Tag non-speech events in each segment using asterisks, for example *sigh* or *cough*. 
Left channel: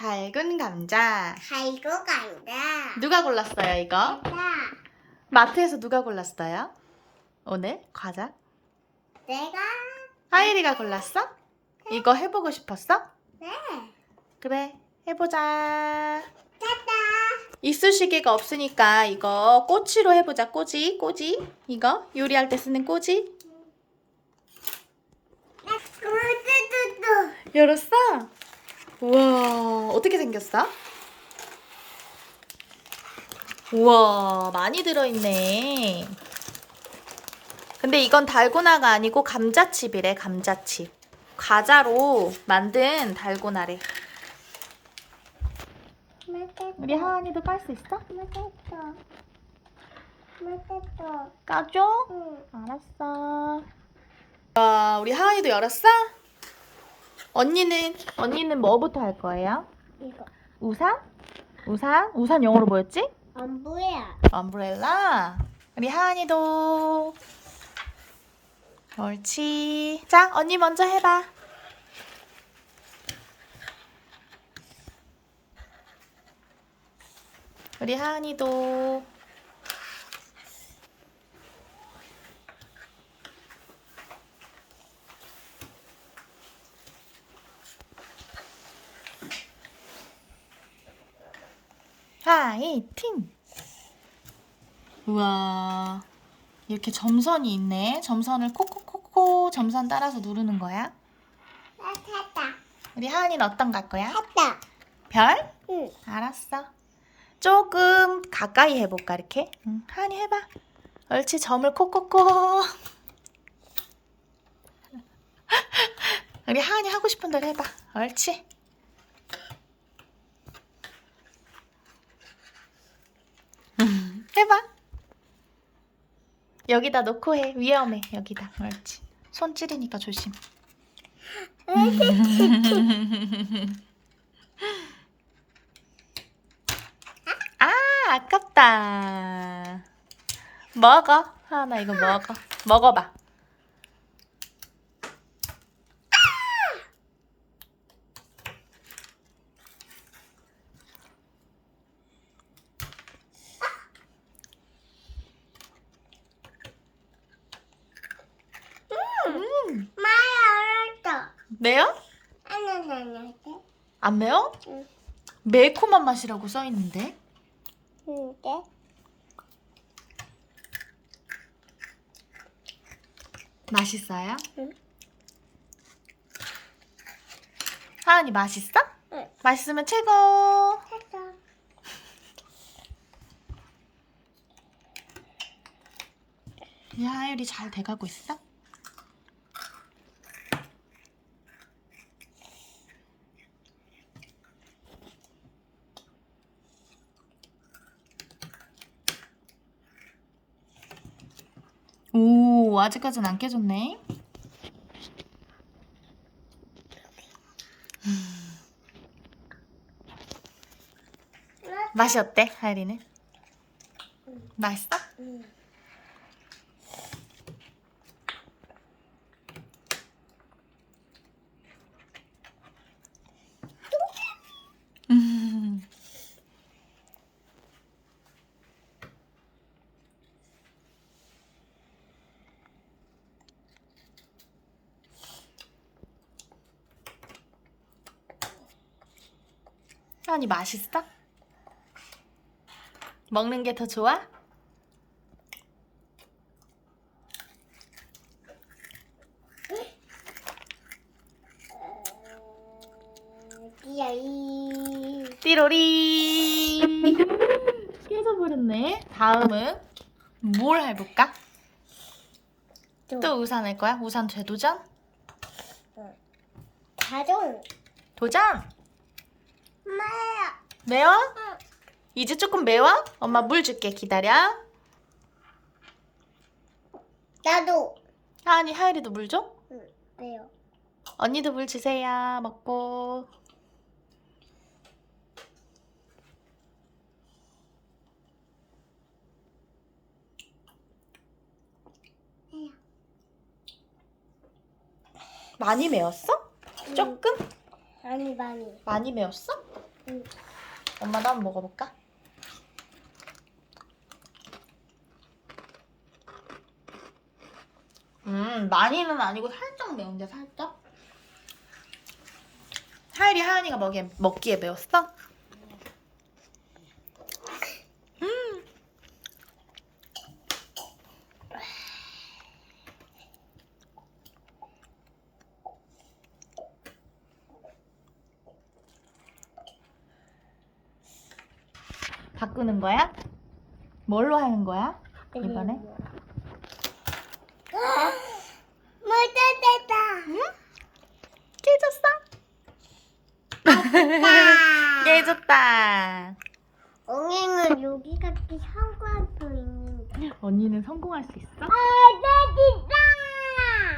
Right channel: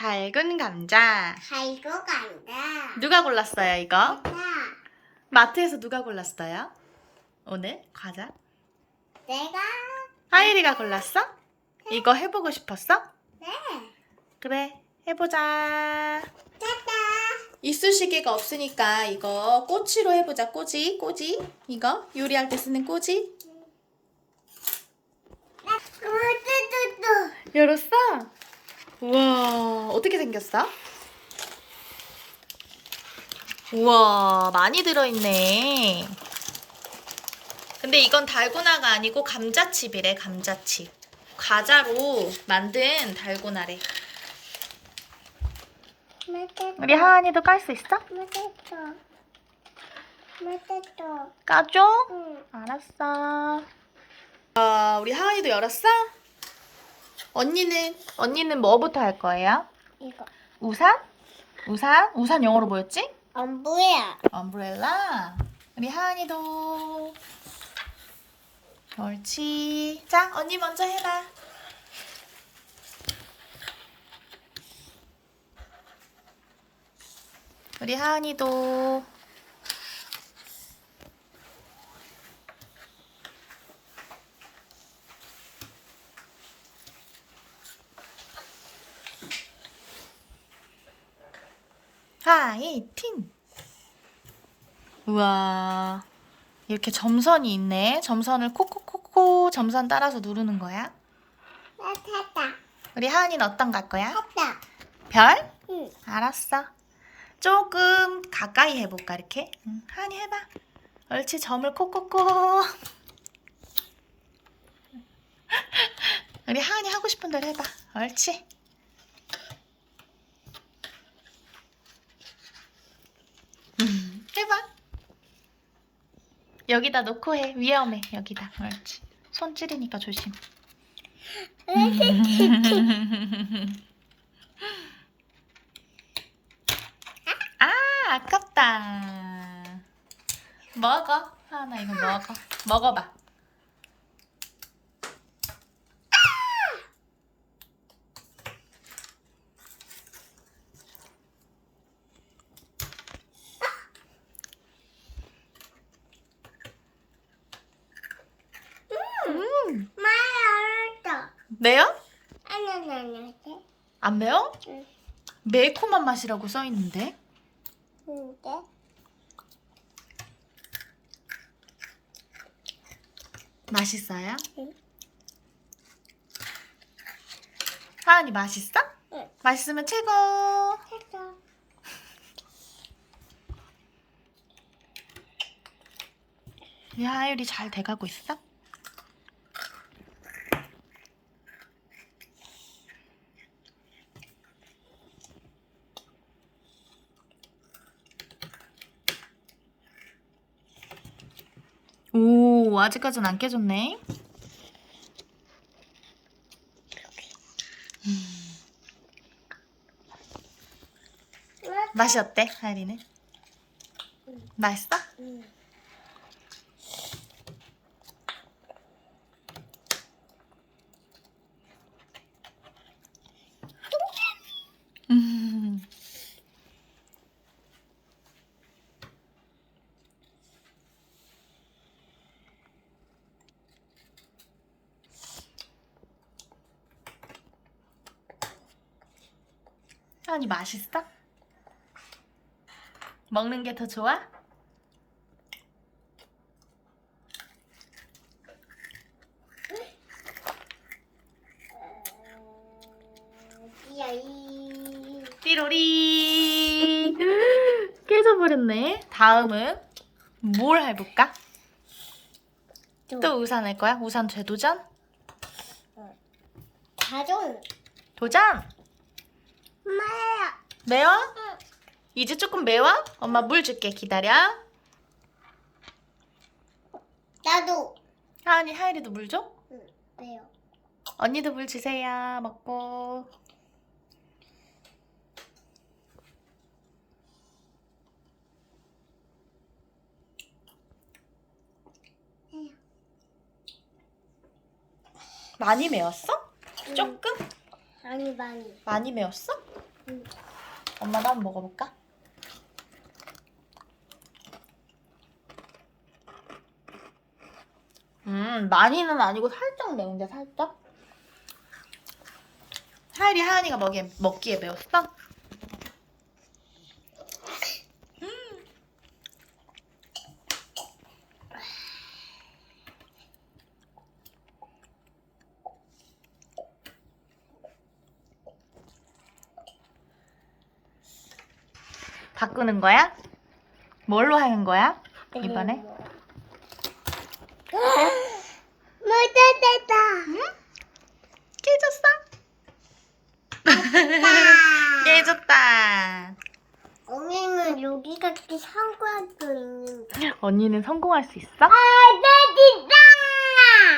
달군 감자. 달고 간다. 누가 골랐어요, 이거? 나 마트에서 누가 골랐어요? 오늘 과자? 내가 하율이가 골랐어? 이거 해보고 싶었어? 네. 그래, 해보자. 짜다. 이쑤시개가 없으니까 이거 꼬치로 해보자. 꼬지, 꼬지. 이거 요리할 때 쓰는 꼬지. 나 뚜뚜뚜. 열었어? 우와, 어떻게 생겼어? 우와, 많이 들어있네. 근데 이건 달고나가 아니고 감자칩이래, 감자칩. 과자로 만든 달고나래. 우리 하은이도 깔 수 있어? 맛있어. 맛있어. 까줘? 응. 알았어. 아, 우리 하은이도 열었어? 언니는 언니는 뭐부터 할 거예요? 이거 우산? 우산? 우산 영어로 뭐였지? 안 보여. 엄브렐라. 우리 하은이도. 옳지. 자, 언니 먼저 해봐. 우리 하은이도. 화이팅! 우와. 이렇게 점선이 있네. 점선을 콕콕콕콕 점선 따라서 누르는 거야. 나 탔다. 우리 하은이는 어떤 거할 거야? 탔다. 별? 응. 알았어. 조금 가까이 해볼까 이렇게? 응, 하은이 해봐. 옳지 점을 콕콕콕. *laughs* 우리 하은이 하고 싶은 대로 해봐. 옳지. 해봐. 여기다 놓고 해. 위험해. 여기다. 옳지. 손 찌르니까 조심. *laughs* 아, 아깝다. 먹어. 하나 이거 먹어. 먹어봐. 음, 많이 알았어. 매워? 아니 아니 아니. 안 매워? 응. 매콤한 맛이라고 써 있는데. 근데 맛있어요? 응. 하은이 맛있어? 응. 맛있으면 최고. 했어. 우리 하율이 잘 돼가고 있어? 오, 아직까진 안 깨졌네. 음. 맛이 어때, 하율이는? 맛있어? 응. 음. 하은이 맛있어? 먹는 게 더 좋아? 이 띠로리 *laughs* 깨져버렸네 다음은 뭘 해볼까? 또 우산 할 거야? 우산 재도전? 가족 도전! 매워? 응. 이제 조금 매워? 엄마 물 줄게 기다려 나도. 하은이 하율이도 물 줘? 응. 왜요? 언니도 물 주세요 먹고. 많이 매웠어? 조금? 아니 많이. 많이 매웠어? 응. 엄마도 한번 먹어볼까? 음, 많이는 아니고 살짝 매운데 살짝. 하일이 하은이가 먹기에, 먹기에 매웠어? 음. 바꾸는 거야? 뭘로 하는 거야? 이번에? *gasps* 묻어졌다. 깨졌어? 깨졌다. 엉이는 여기 같이 상관도 있는데. 언니는 성공할 수 있어? 아!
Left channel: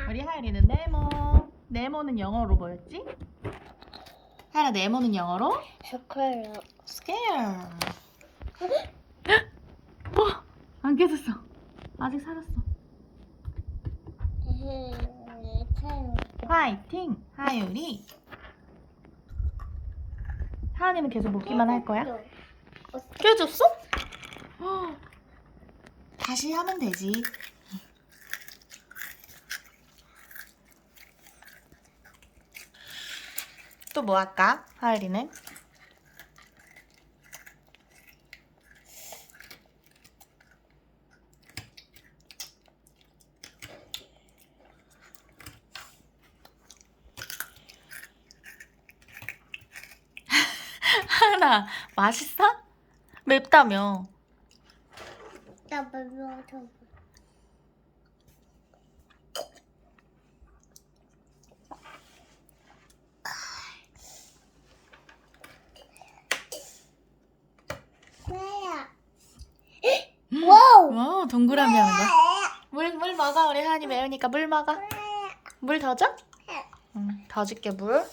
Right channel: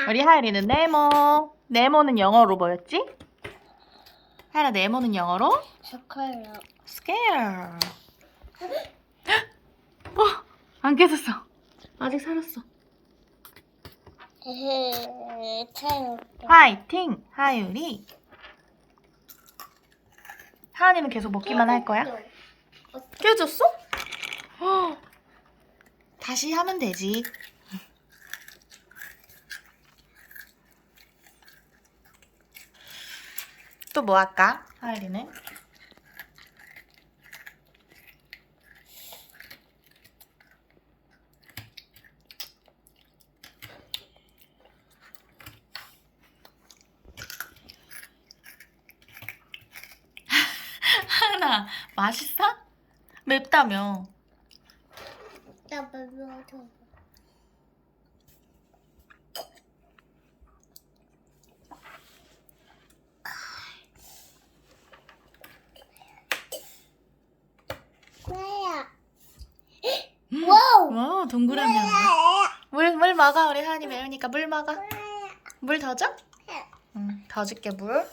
우리 하율이는 네모. 네모는 영어로 뭐였지? 하율아 네모는 영어로? 스컬러. scare. 어, *gasps* 안 깨졌어. 아직 살았어. 화이팅, 하율이. 하은이는 계속 먹기만 할 거야? 깨졌어? 어. *gasps* 다시 하면 되지. 또 뭐 할까? 하율이는? 하나 맛있어? 맵다며. 나 먹어. 뭐야? 와우! 와 동그라미 하는 거. 물, 물 먹어. 우리 하은이 매우니까 물 먹어. 물 더 줘? 응, 더 줄게 물.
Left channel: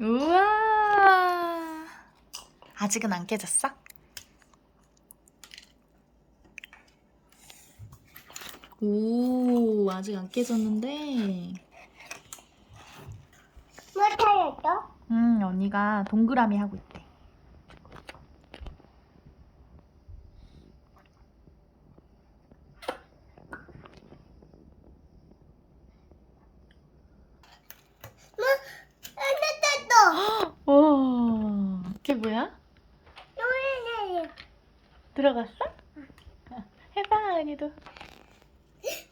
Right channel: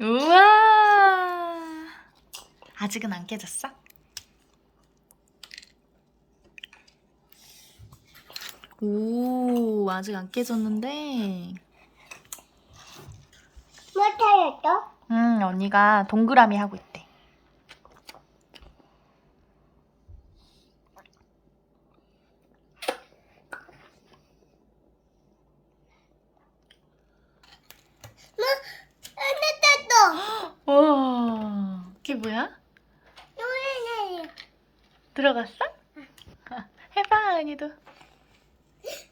우와. 아직은 안 깨졌어? 오, 아직 안 깨졌는데. 뭐 타였어? 음, 언니가 동그라미 하고 있대. 뭐? 하나 땄어! 와, 그게 뭐야? 들어갔어? 해봐, 언니도.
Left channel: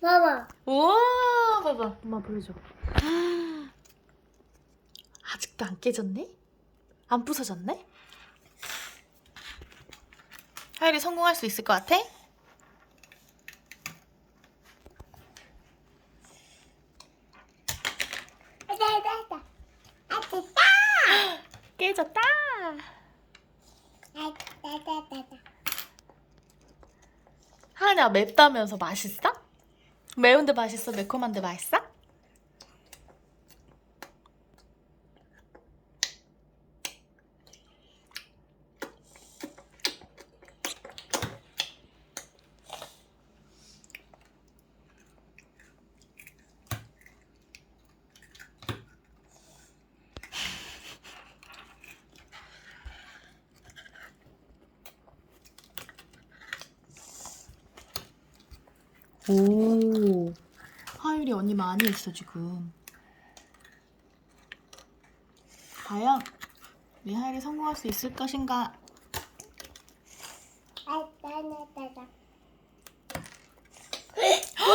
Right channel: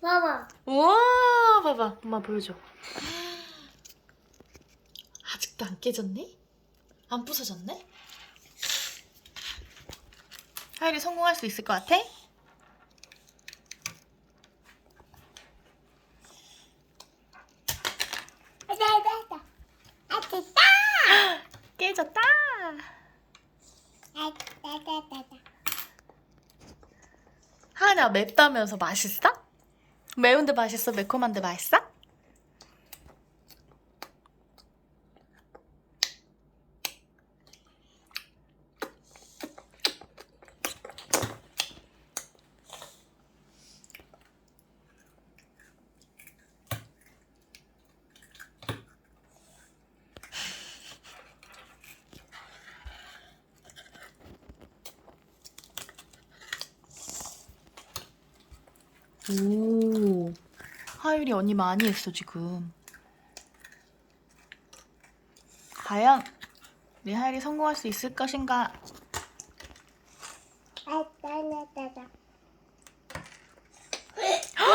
봐봐. 우와, 봐봐. 엄마 보여줘. *gasps* 아직도 안 깨졌네? 안 부서졌네? 하율이 성공할 수 있을 것 같아? 아다, 아다, 아다. 아, 됐다! *gasps* 깨졌다! 아, 아다, 아다, 아다. 하은아 맵다면서 맛있어? 매운데 맛있어? 매콤한데 맛있어? 오, 하율이 언니 많이 했어, 지금. 과연 우리 하율이 성공할 수 있을 것인가? 아!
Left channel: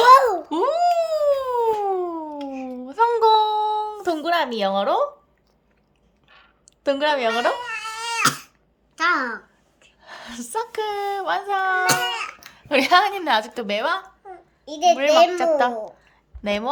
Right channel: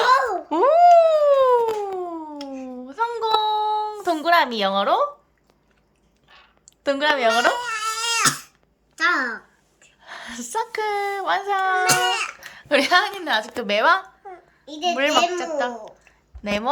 오, 성공! 동그라미 영어로? 동그라미 영어로? 자, *laughs* 서클 완성! 우리 하은이는 아직도 매워? 이제 물 네모. 먹겠다. 네모?